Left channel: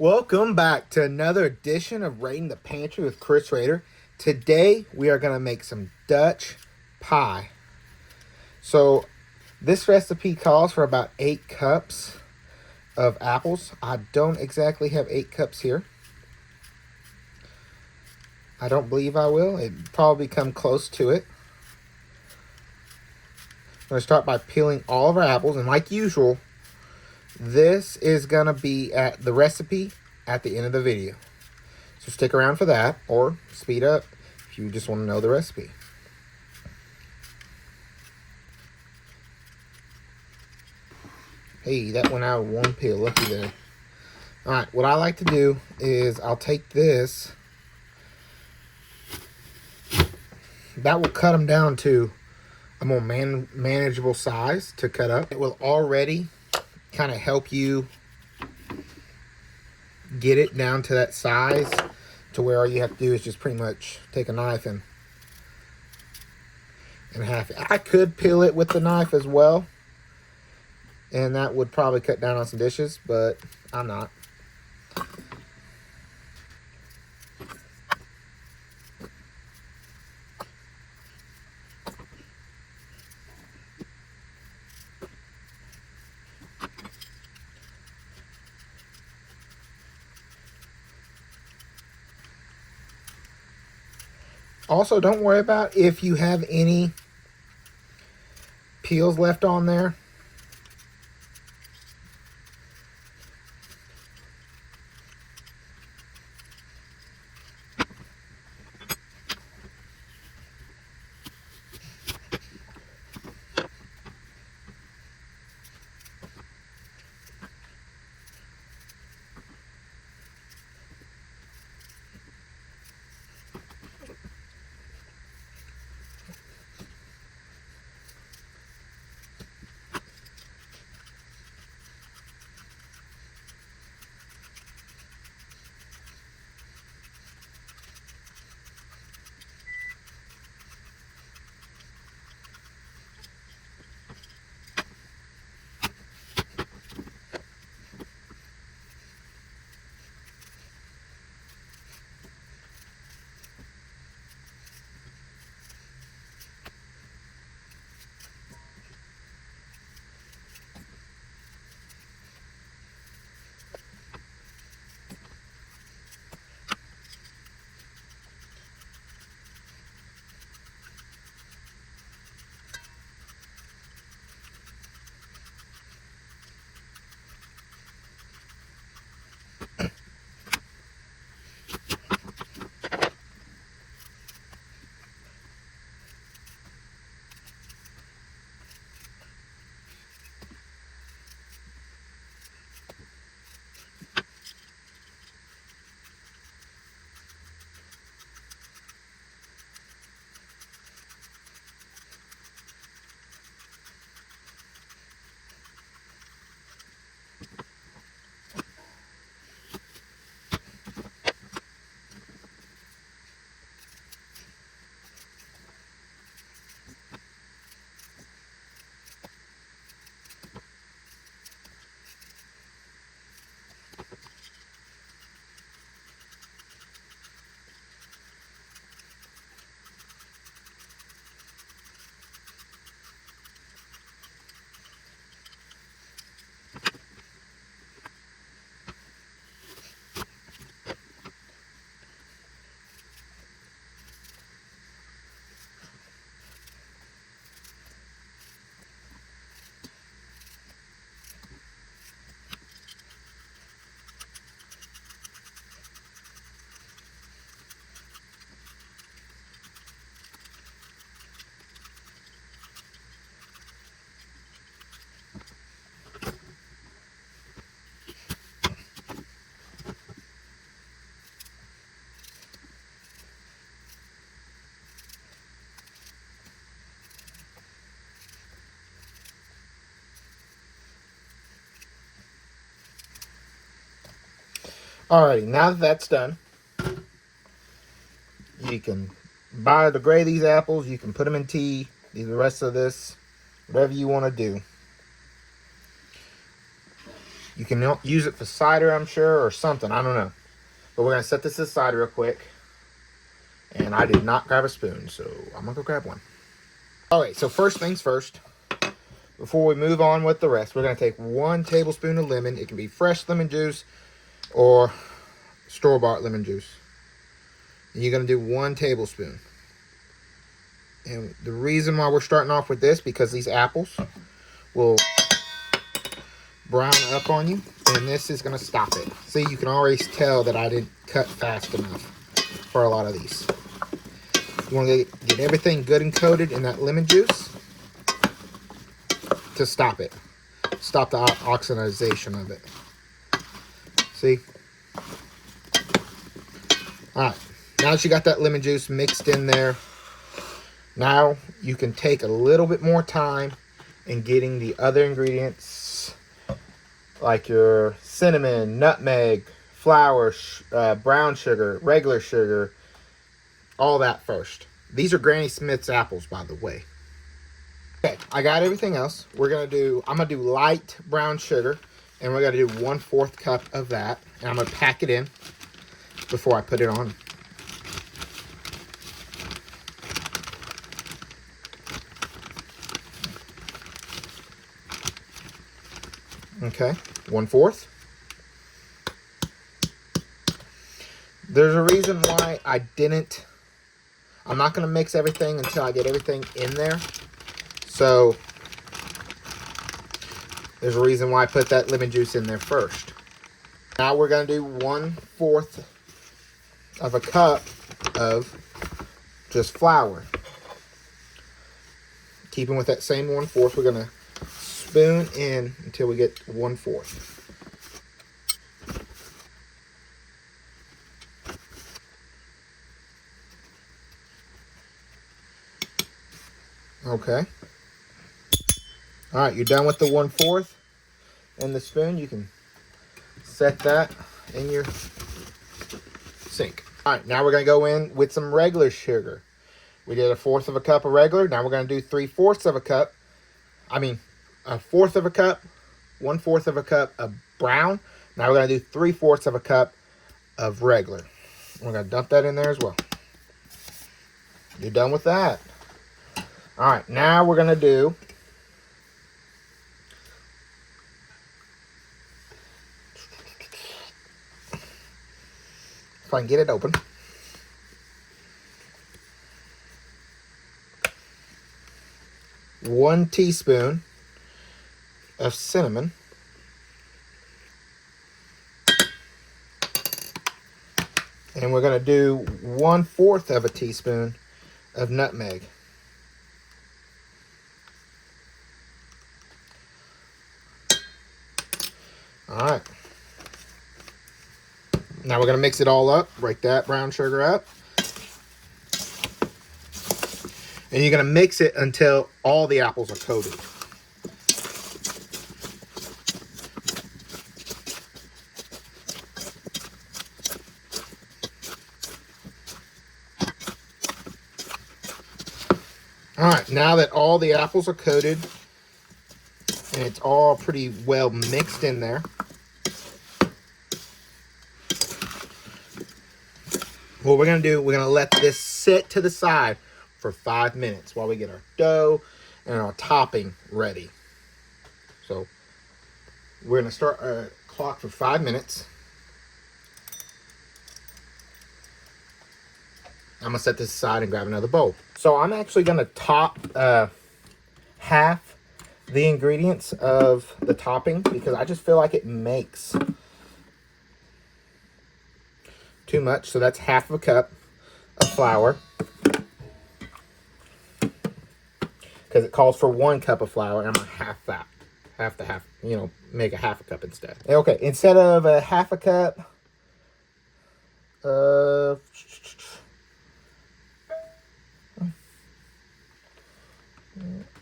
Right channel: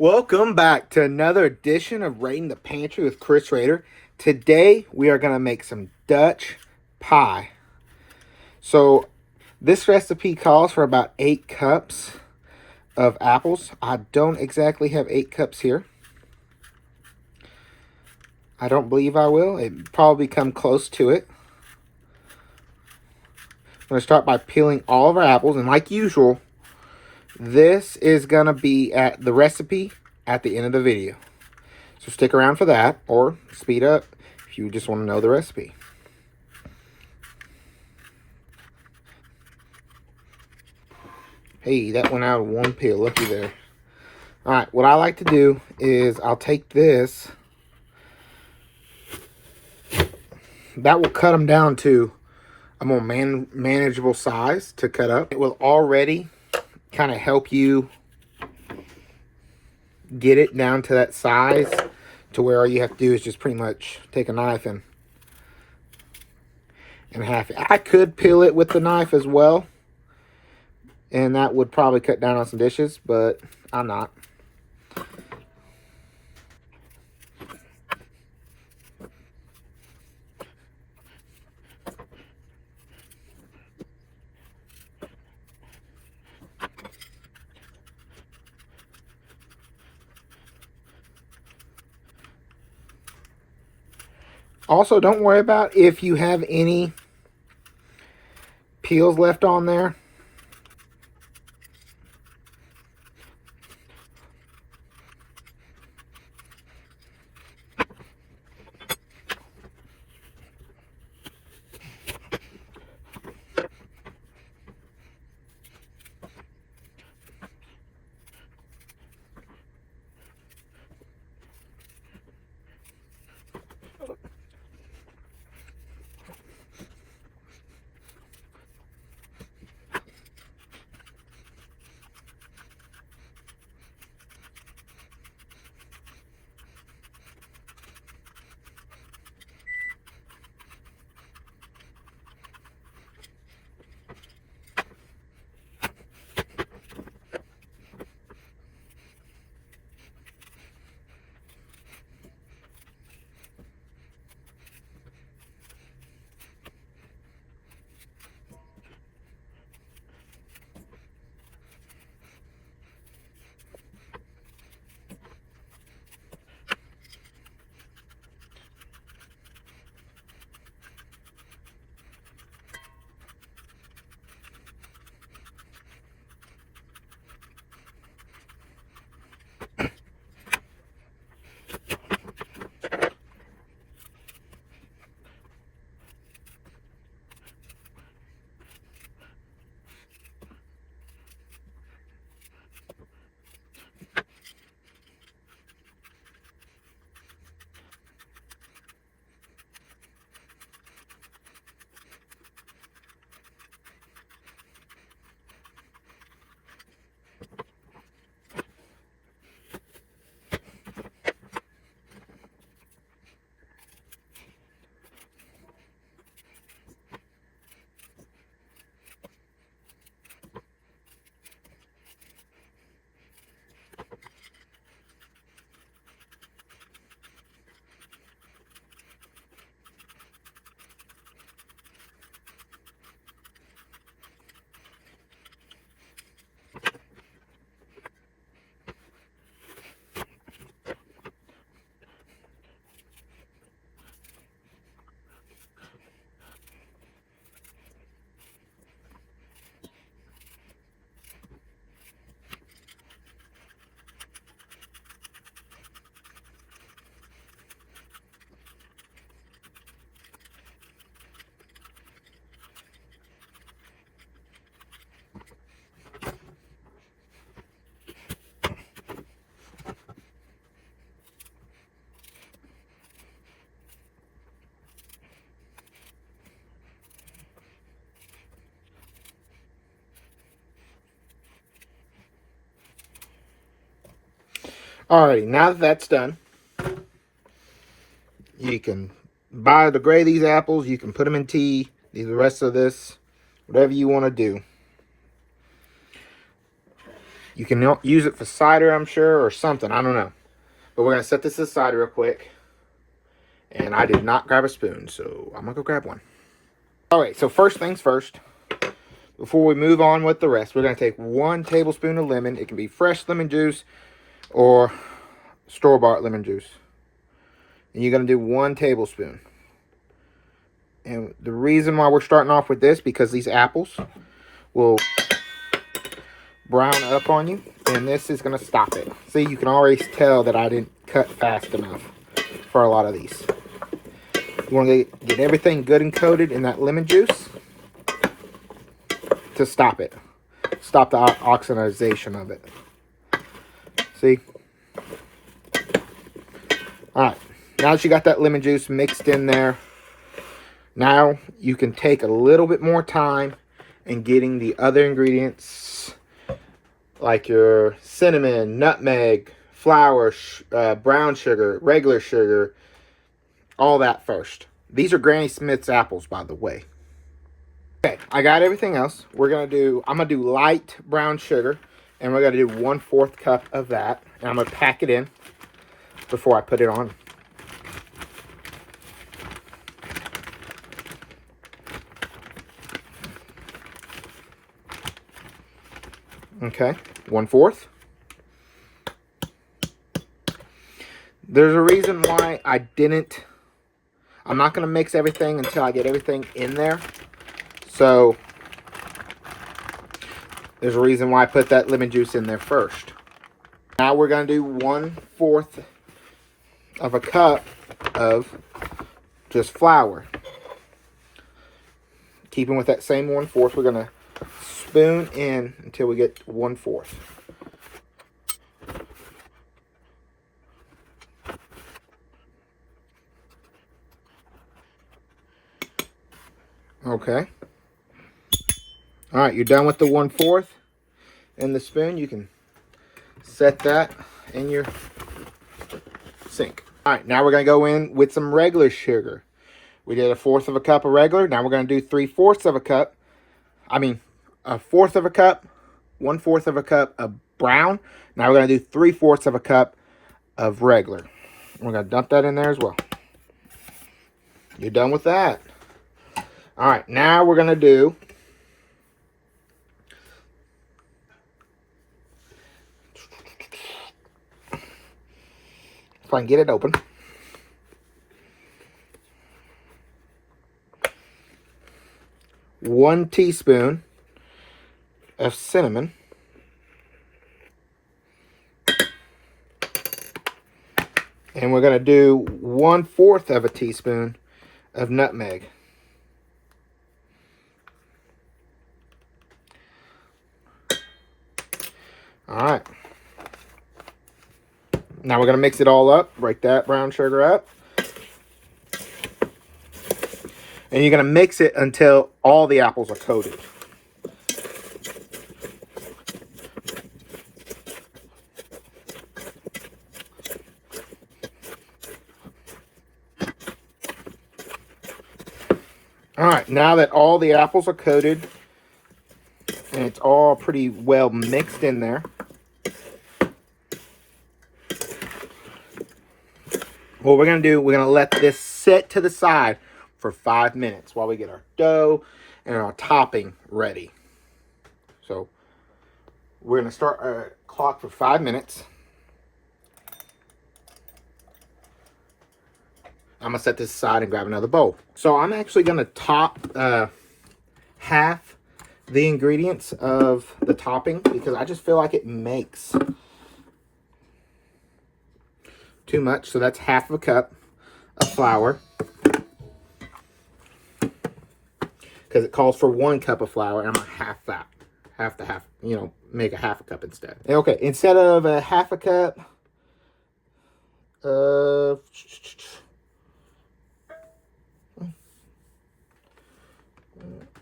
Welcome back to another edition of Raiding the Pantry with Chris Rader. Today we are going to make some Dutch pie. So this recipe calls for about 8 cups of apples. I don't exactly have 8 cups here. I don't believe I will. It probably come close to it. I'm going to start by peeling all of our apples, and like usual, this is going to be at the recipe at the end of the video. So stick around for that, or speed up if you just want to know the recipe. Hey, that went out of one peel. Looky there. Alright, what I like to do is I'll take this. That will cut them down to a more manageable size to cut up. It will already kind of help you get it down to that size to where all you have to do is just pretty much take a knife and half it. I could peel it with the knife as well, and that would probably cut down on some dishes, but I'm not. Also, don't worry about if you have any peels left on there. Alrighty, now that that's done, you can biodegrade these apples. You can put them in tea. The rest of this, whatever you want to do. You can use it for cider, I'm sure, or something. I don't know. But we're going to set this aside real quick. And I did not grab a spoon, so I'm going to go grab one. All right, so first things first. Before we move on with the rest, we're going to take 1 tablespoon of lemon. It can be fresh lemon juice or store-bought lemon juice. And you're going to do 1 tablespoon. And the reason why we're starting off with this, because these apples will brown up on you, and this is going to stop it. See, you can already tell that I didn't cut fast enough for a lot of these. You want to get everything good and coated in that lemon juice to stop it. Stop the oxidization of it. See? Alright, now that you got that lemon juice mixed in there, now you can take a little bit more time in getting the other ingredients, like your cinnamon, nutmeg, flour, brown sugar, regular sugar, all that first. These are Granny Smith's apples, by the way. Okay, I got everything else. I'm gonna do light brown sugar, and we're gonna do 1/4 cup of that, and I'm gonna pack it in before I put it on. Okay, 1/4. There's a reason why I'm not going to mix everything until I get everything in there. So, there's a reason why I put that lemon juice in there first. Now we're going to do 1/4 of a cup of just flour. Keeping with that same 1/4, we're going to spoon in until we get 1/4. Okay. All right, you're done with the 1/4 and the spoon. You can set that in your sink. All right, now we're going to go in with some regular sugar. We did 1/4 of a cup of regular. Now we're going to do 3/4 of a cup. I mean, 1/4 of a cup, 1/4 of a cup of brown. Now we're going to do 3/4 of a cup of regular. We're going to dump that in there as well. You're done with that. All right, now we're going to do if I can get it open. One teaspoon of cinnamon. And we're going to do 1/4 of a teaspoon of nutmeg. All right. Now we're going to mix it all up. Break that brown sugar up. And you're going to mix it until all the apples are coated. All right, now that all the apples are coated and it's all pretty well mixed in there, what we're going to do, we're going to let this sit to the side for 5 minutes while we get our dough and our topping ready. So we're going to start our clock for 5 minutes. I'm going to set this aside and grab another bowl. So I'm actually going to top half the ingredients of the topping because I just feel like it makes too much. So that's 1/2 a cup of flour. Because it calls for 1 cup of flour, and I'm going to half that. Half, make a 1/2 a cup instead. Okay, instead of a 1/2 a cup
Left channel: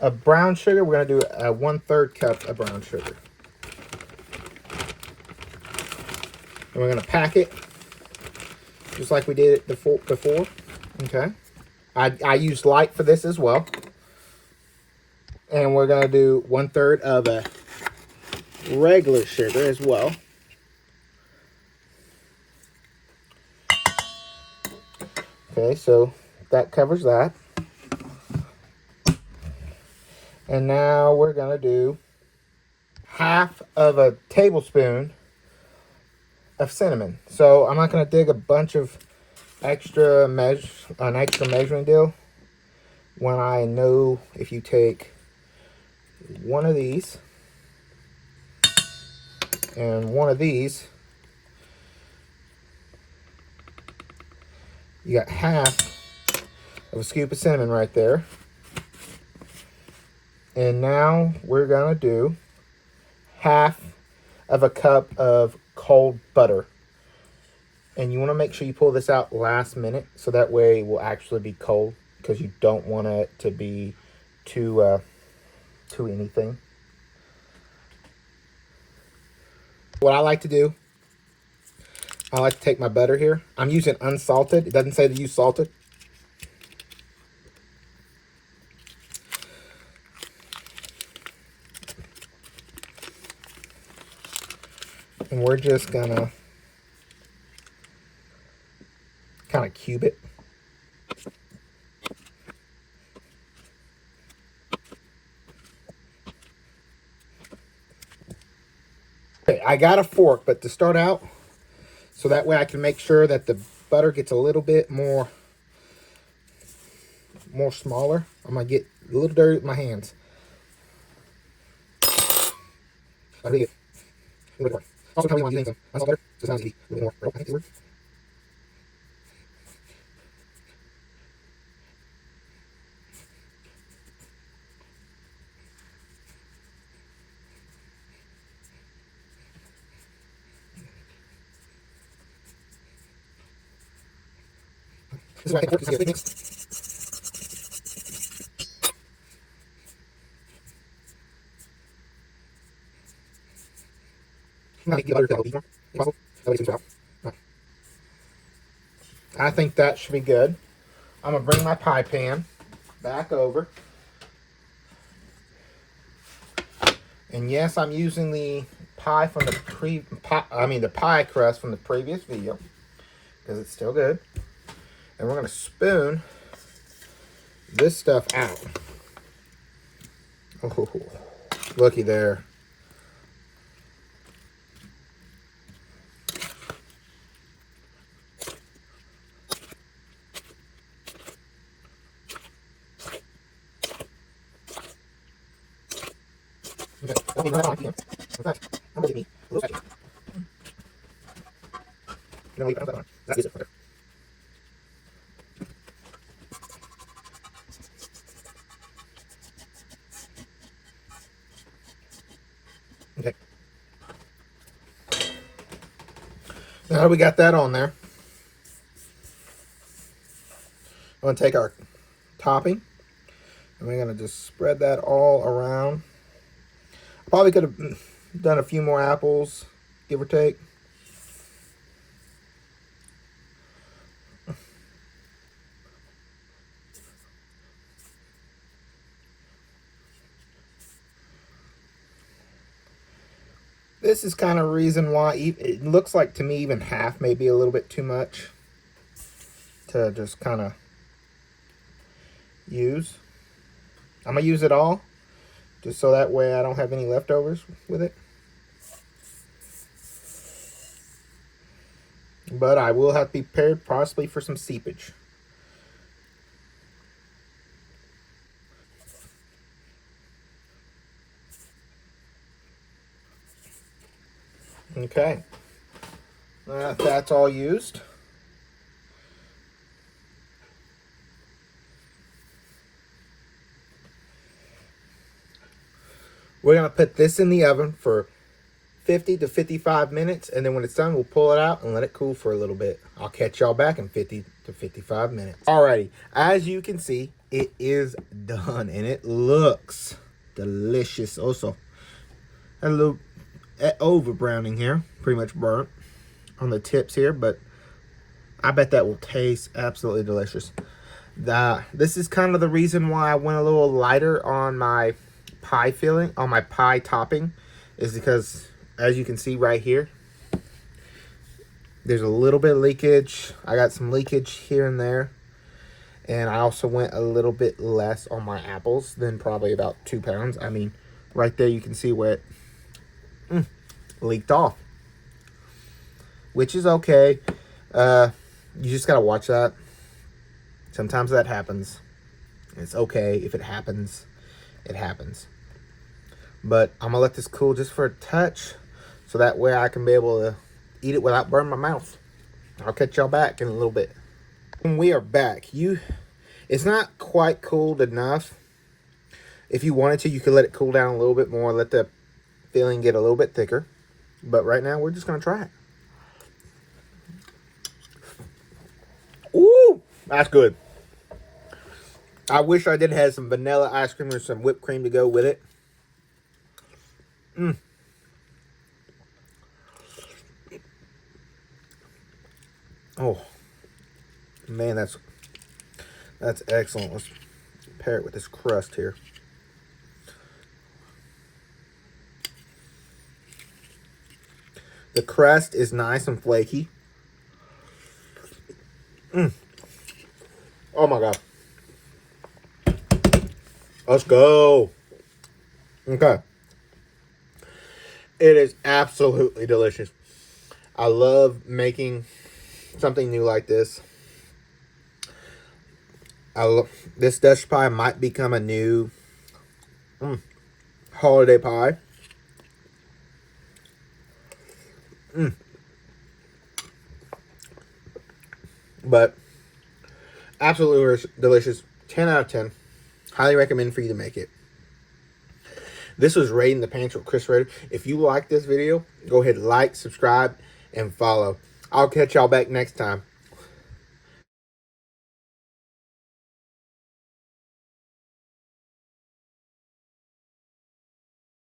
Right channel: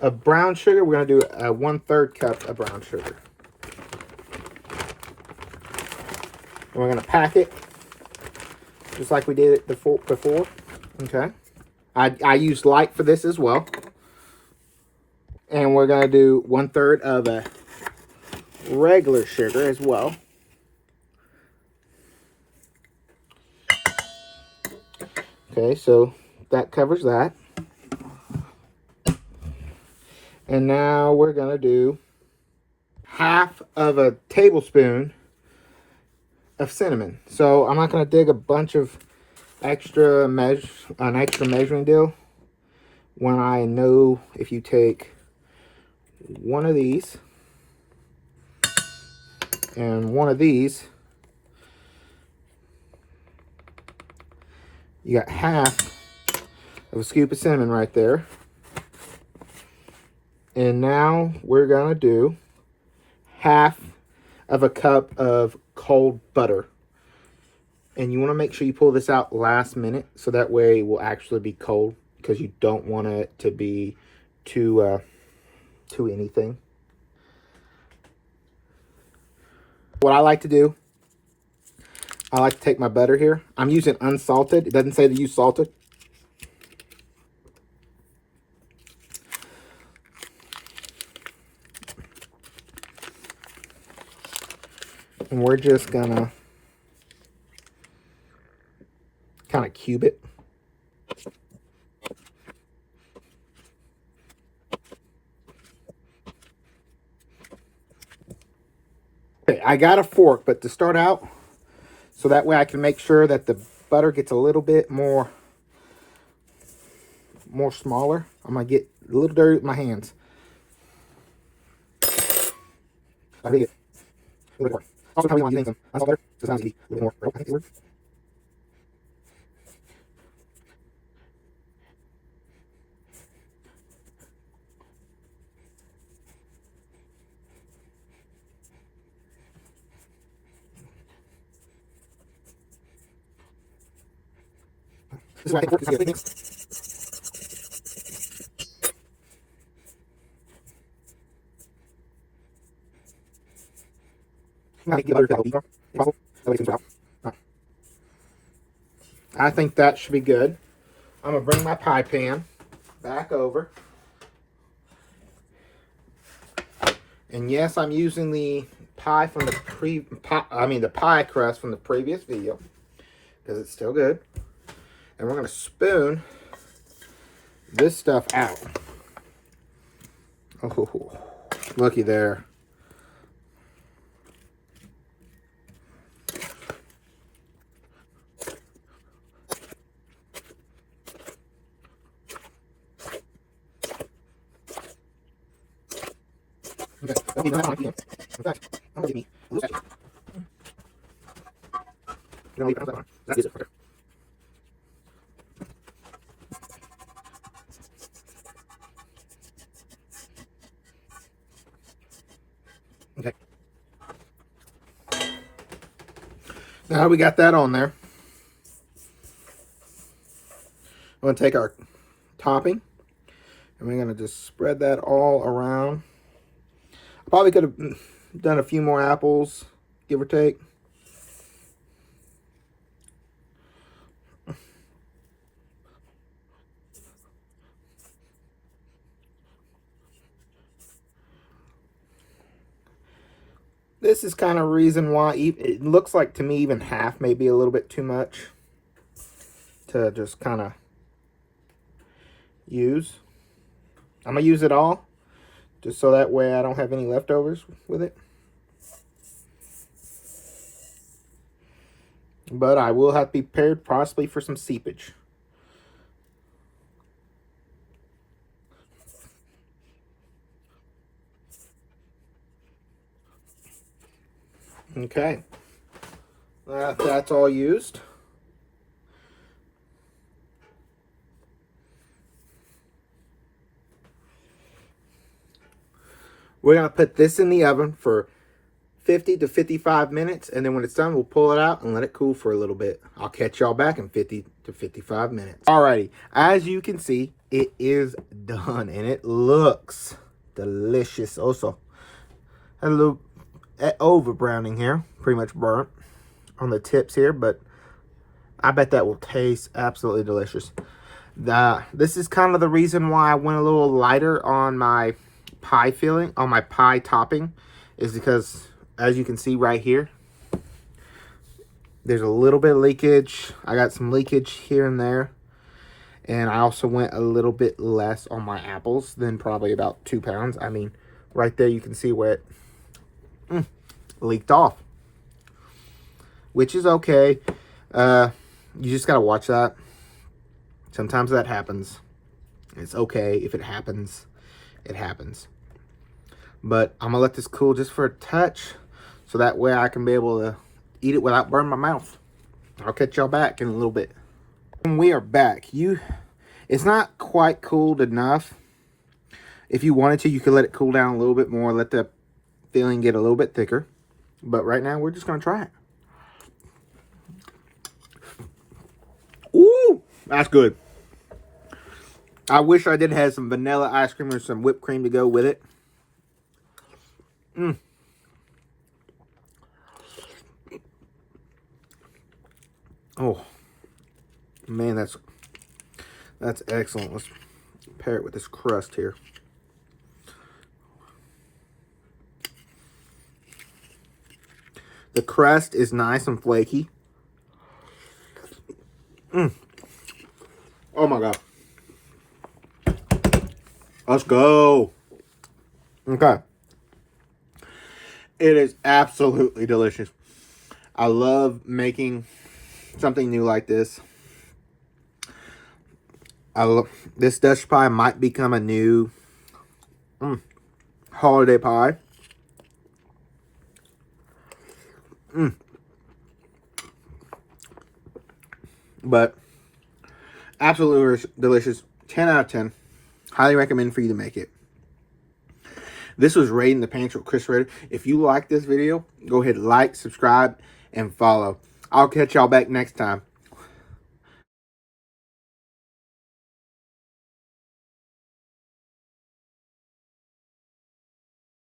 of brown sugar, we're going to do a 1/3 cup of brown sugar. And we're going to pack it just like we did it before. Okay. I used light for this as well. And we're going to do 1/3 of a regular sugar as well. Okay, so that covers that. And now we're going to do half of a tablespoon of cinnamon. So I'm not going to dig a bunch of an extra measuring deal when I know if you take one of these and one of these, you got half of a scoop of cinnamon right there. And now we're going to do half of a cup of cold butter. And you want to make sure you pull this out last minute, so that way it will actually be cold, because you don't want it to be too anything. What I like to do, I like to take my butter here. I'm using unsalted. It doesn't say to use salted. And we're just gonna kind of cube it. Okay, I got a fork, but to start out, so that way I can make sure that the butter gets a little bit more smaller. I'm gonna get a little dirty with my hands. I really get a little bit more. Also, probably want to use some unsalt butter, so it's not easy. A little bit more. I think the word. This is why I think this is mix. Now get the butter to the possible. That way it's out. I think that should be good. I'm gonna bring my pie pan back over. And yes, I'm using the pie from the pie crust from the previous video, because it's still good. And we're gonna spoon this stuff out. Oh, looky there. Okay, in fact, I'm gonna give me a little sachet. I'm gonna leave it on that one. That's it. Okay. Okay. Now we got that on there. We're gonna take our topping, and we're gonna just spread that all around. Probably could have done a few more apples, give or take. This is kind of reason why it looks like to me even half may be a little bit too much to just kind of use. I'm going to use it all, just so that way I don't have any leftovers with it. But I will have to be prepared possibly for some seepage. Okay. That's all used. We're going to put this in the oven for 50 to 55 minutes, and then when it's done, we'll pull it out and let it cool for a little bit. I'll catch y'all back in 50 to 55 minutes. Alrighty, as you can see, it is done, and it looks delicious. Also, a little over browning here, pretty much burnt on the tips here, but I bet that will taste absolutely delicious. This is kind of the reason why I went a little lighter on my pie filling, on my pie topping, is because, as you can see right here, there's a little bit of leakage. I got some leakage here and there. And I also went a little bit less on my apples than probably about 2 pounds. I mean, right there you can see where it leaked off. Which is okay. You just got to watch that. Sometimes that happens. It's okay if it happens. It happens. But I'm going to let this cool just for a touch. So that way I can be able to eat it without burning my mouth. I'll catch y'all back in a little bit. And we are back. It's not quite cooled enough. If you wanted to, you could let it cool down a little bit more. Let the filling get a little bit thicker. But right now, we're just going to try it. Ooh, that's good. I wish I did have some vanilla ice cream or some whipped cream to go with it. Oh, man, that's excellent. Let's pair it with this crust here. The crust is nice and flaky. Oh my God. Let's go. Okay. It is absolutely delicious. I love making something new like this. This Dutch pie might become a new holiday pie. But absolutely delicious. 10 out of 10. Highly recommend for you to make it. This was Raiding the Pantry with Chris Raider. If you like this video, go ahead, like, subscribe, and follow. I'll catch y'all back next time.